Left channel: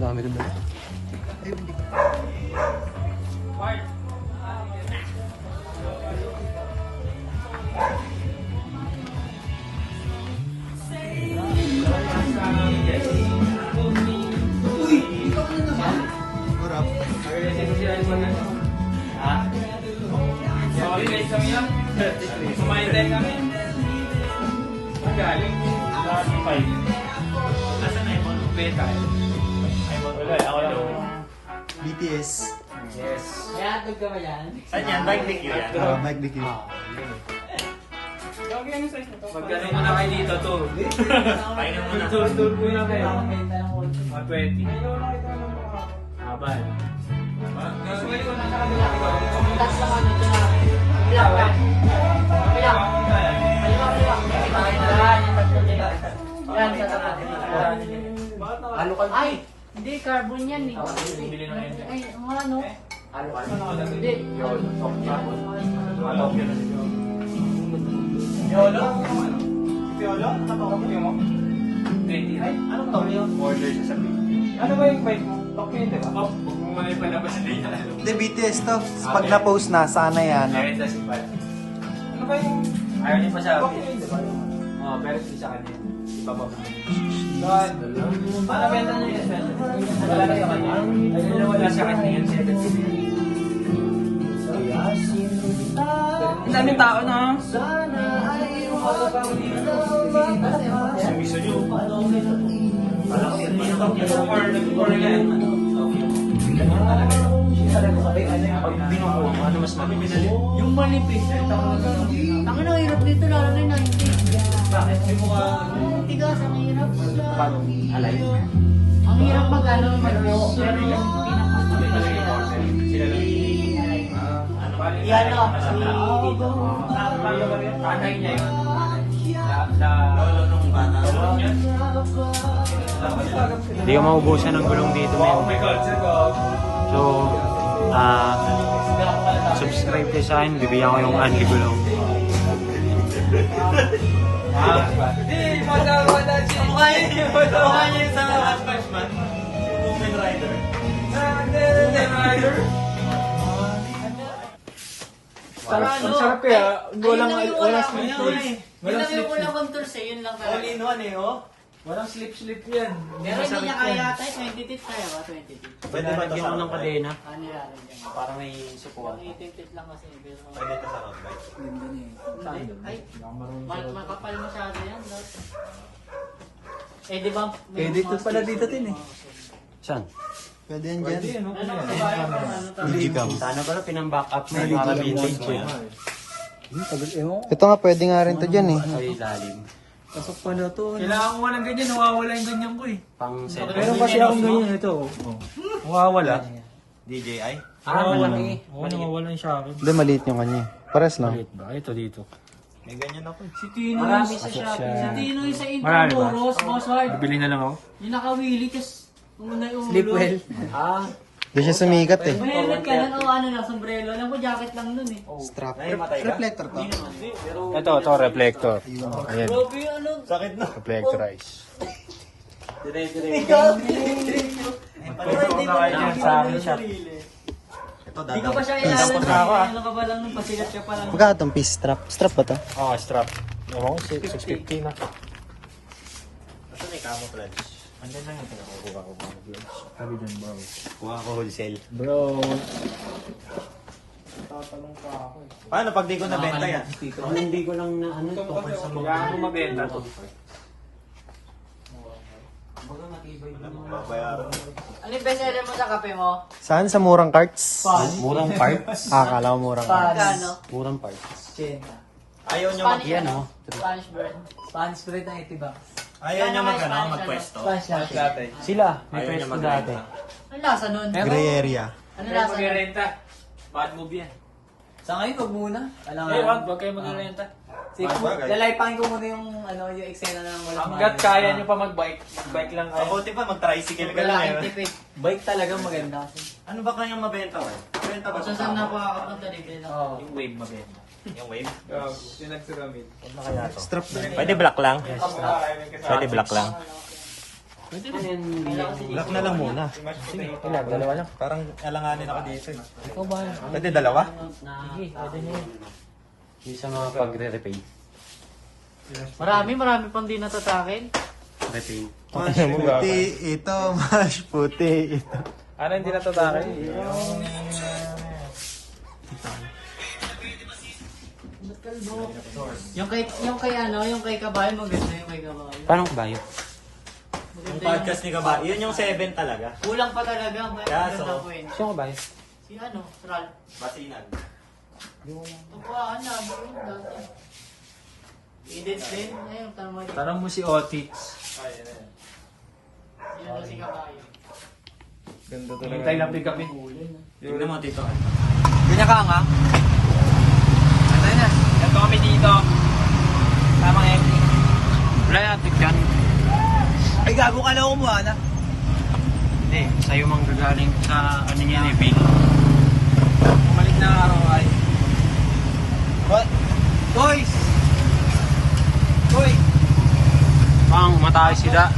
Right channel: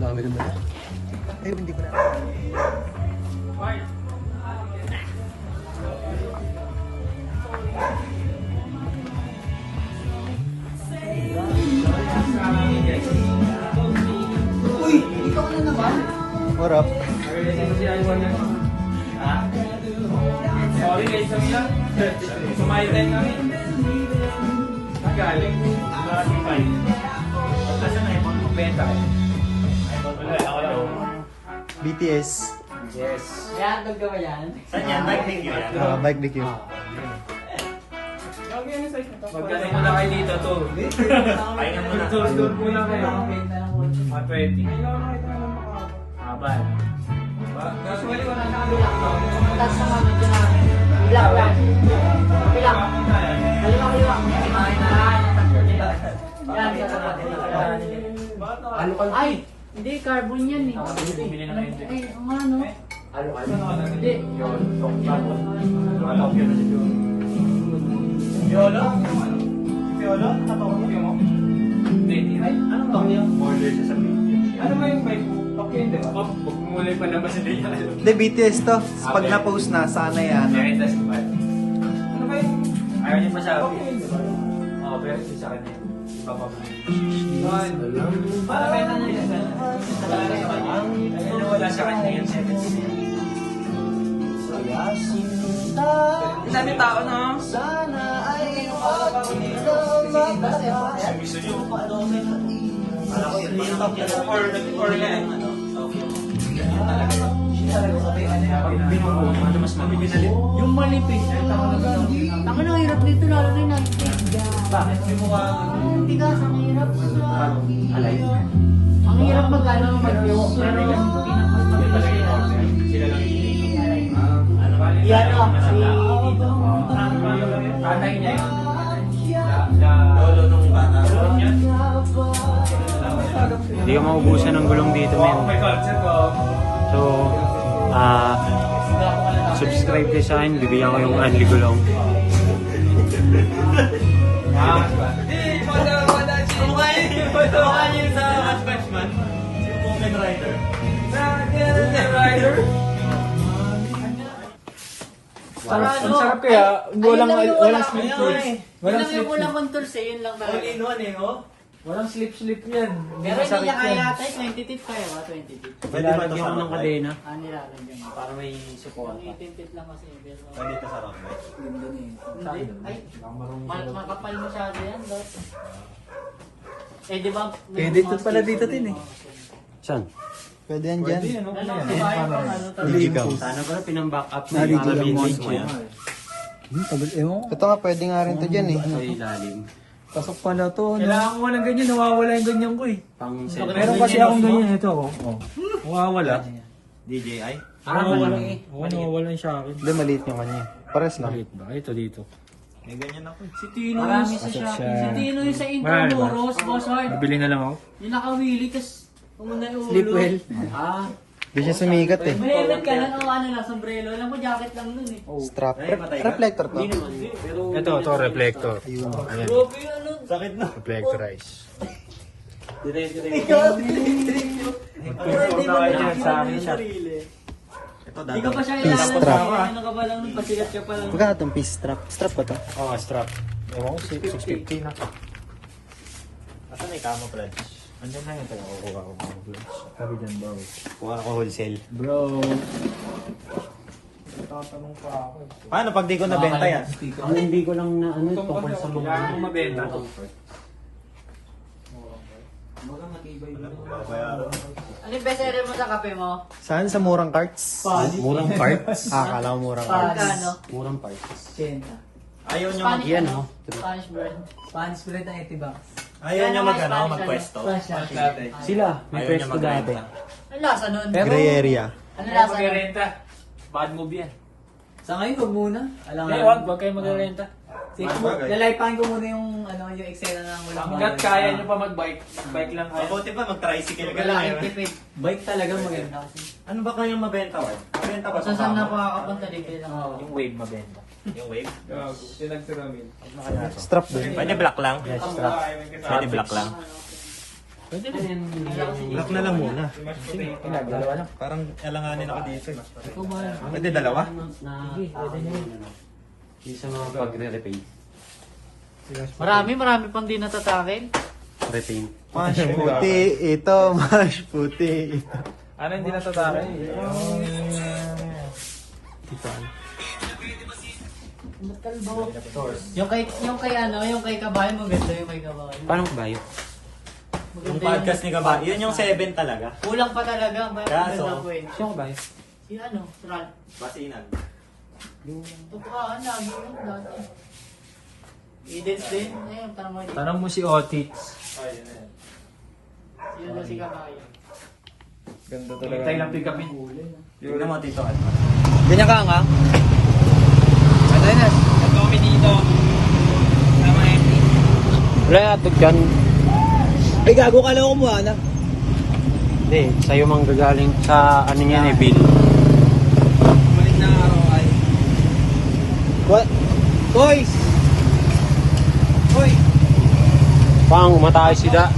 Dami rin ba? Ay, hindi ko na. What up? Sorry guys, kami yan. Sumayin kami. Magaling. Asan na iPhone mo? Benta kayo. iPhone wala. Ako daw. BTS. Yes. Gagawin ko ba yan? Saan yan? Bike link yan. Bike DQ. Magkano mo na kayo dito to? Pahinga mo na. Tour mo lang kayo. Mga 20. Abad. Usually wala na kami ikaw. Tapos naman ito na. Bilang lang. Bilang. Kaliwa. Ano ka? Ay! Hindi, carbon yan eh. Bumili na kayo. Eh, ano? Hindi. Anong kami yung order sa sabi? Ano ba yung fight mo? Okay, di ba? Huwag mo muna yung palabas nila yan. Hindi, BTS to. Pag na-post na, sana yan. Ay, that's the part. Ano ba yung... Ayaw niya masabi. Oo, pero sa kanya. Para benta na yun. Wala sa kanya yung 17. Ilan yung tao na? Gusto nyo pa ano? Yung manipis. Tangan na hirap dito, lalo na yung manipis. Bakit? Tigas, ang hirap. Ang hirap magkano manipis. Yan o, dito. Tatay niya yun. Sa lolo nung niya. Hindi ko maubusan ng gulong dito, men. Oh my God, sir. So, subscribe kayo sa akin. Bigyan ko yung Anli Gulong. Wala siya. Mukha niya sa One Punch Man. Kamen Rider. Kamen Rider. Ang sarap kaya. Walang slip-slip. Walang Yun lang yung slip-slip. walang contours eh, yun lang talaga. Walang slip-slip yan. Hindi Pero hindi masakit niya yan. kaya ito, 20 tit kaya ba? 20 tit. Nilalagyan ko ng kadena. Nilalagyan mo. Para may support. 18 tit lang kasi. Ay, makapal masyado yan. Eh, di ba? Pwede ito pala dito din eh. Saan? Pwede yan dyan. Ano Hindi ikaw. Sana pala pinang-back up na para vintage eh. Ito nga, pwede nga rin to dyan eh. Sa ilalim. Takot pala to. Kailangan ko nga ng ganyan. Nawawala yung ganyan ko eh. Pang Meron pa siya ng ganyan ito. Nawawala. DJI? Nawawala. Oo, nawawala yung sa akin. Doon maliit yung kanya. Paras lang. ba? Ito dito. May ganyan ako. Si Tino yung sa Shopee. Si Tino yung sa intro Marami mo, ba? Boss Hard. Bibili na lang ako. Yung nakawili, tas una yung ulo. Sleep well. Hindi siya sumikat eh. May helmet ka lang, ano na, sombrero. Alam ko, jacket lang nun eh. Strap. Reflector to. Ito, reflector. Ayun. Okay, ano? Reflectorize. Sa akin siya. Hindi ko pa siya Peace ilalabas. strap. Ano ka pa lang, pasikat ka pa lang. Magkano itong piece strap? Strap ba to? Oh, strap. Ewan ko, 650 na. Asa may camouflage? Andan na yan kaya kukuha ko. Sabi dyan, bro. Kuha ako wholesale. Bro. Paano pag di ko nabenta yan? Hindi ko lang na ano tungkol sa mga Paano mabenta to? Ano yung bestseller mo sa kape mo? Saan? Sa murang carts? Murang parts? Akala ko murang parts. Pagkano? Murang parts. Ayaw niya mag... Yan oh. Spanish bread. Spanish bread ang itiba. Ayaw niya magpwesto. Sila, may pwesto dati. Ano lasa nun? Gray area. Ano lasa nun? Magrenta. Bad move yan. Sa ngayon, huwag muna. Alam mo, Huwag kayo magrenta. lalaipain ko muna yung, yung Excel na lang walang Hanggat kaya nyo pa mag-bike, bike lang kayo. Mabuti pa mag-tricycle ka Wala na kang tipid. Bike talaga maganda. Ano ba kanyang mabenta ba? Mabenta ba Kung saan na ako kakapunta dito lang. Yung wave mabenta. Yung wave? Pinagsiramil. Strap doon. Pwede black lang? Yes, strap. Pwede black lang. Pwede rin. Lock na lang muna. Dalawa na. Parang alanganin ako dito. Pwede dalawa? Hindi siya makapag-repaint. Marami pang di natatakin. Repaint. Puti, ito, mas puti. Ano hindi natatakin? Dito. Yung kay Kabayan, maganda yung kay Kabayan. Parang bayo. Yung podcast ni Kabady, yun yung 7 talaga. Kulang pa talaga, maganda ko eh. Sino bayo? Si Tral. Basinan. Tukuraan lagi yun dati. Edits din, tama din. Tanong mo si Otix. Yun na si Kabayan. Ganda talaga. Tayo lang pick-upin. Tignan mo, Tito Alma. Ganyan ka nga. Ano na? Ito kami dito. Tamang empty. Wala natin gan. Ay, gago ka lang kumuha na. Hindi, sa'yo mang gagaling sa ano niyan eh, Bill. Malit na araw ay. What? Toy! Hoy! Pang matay sila.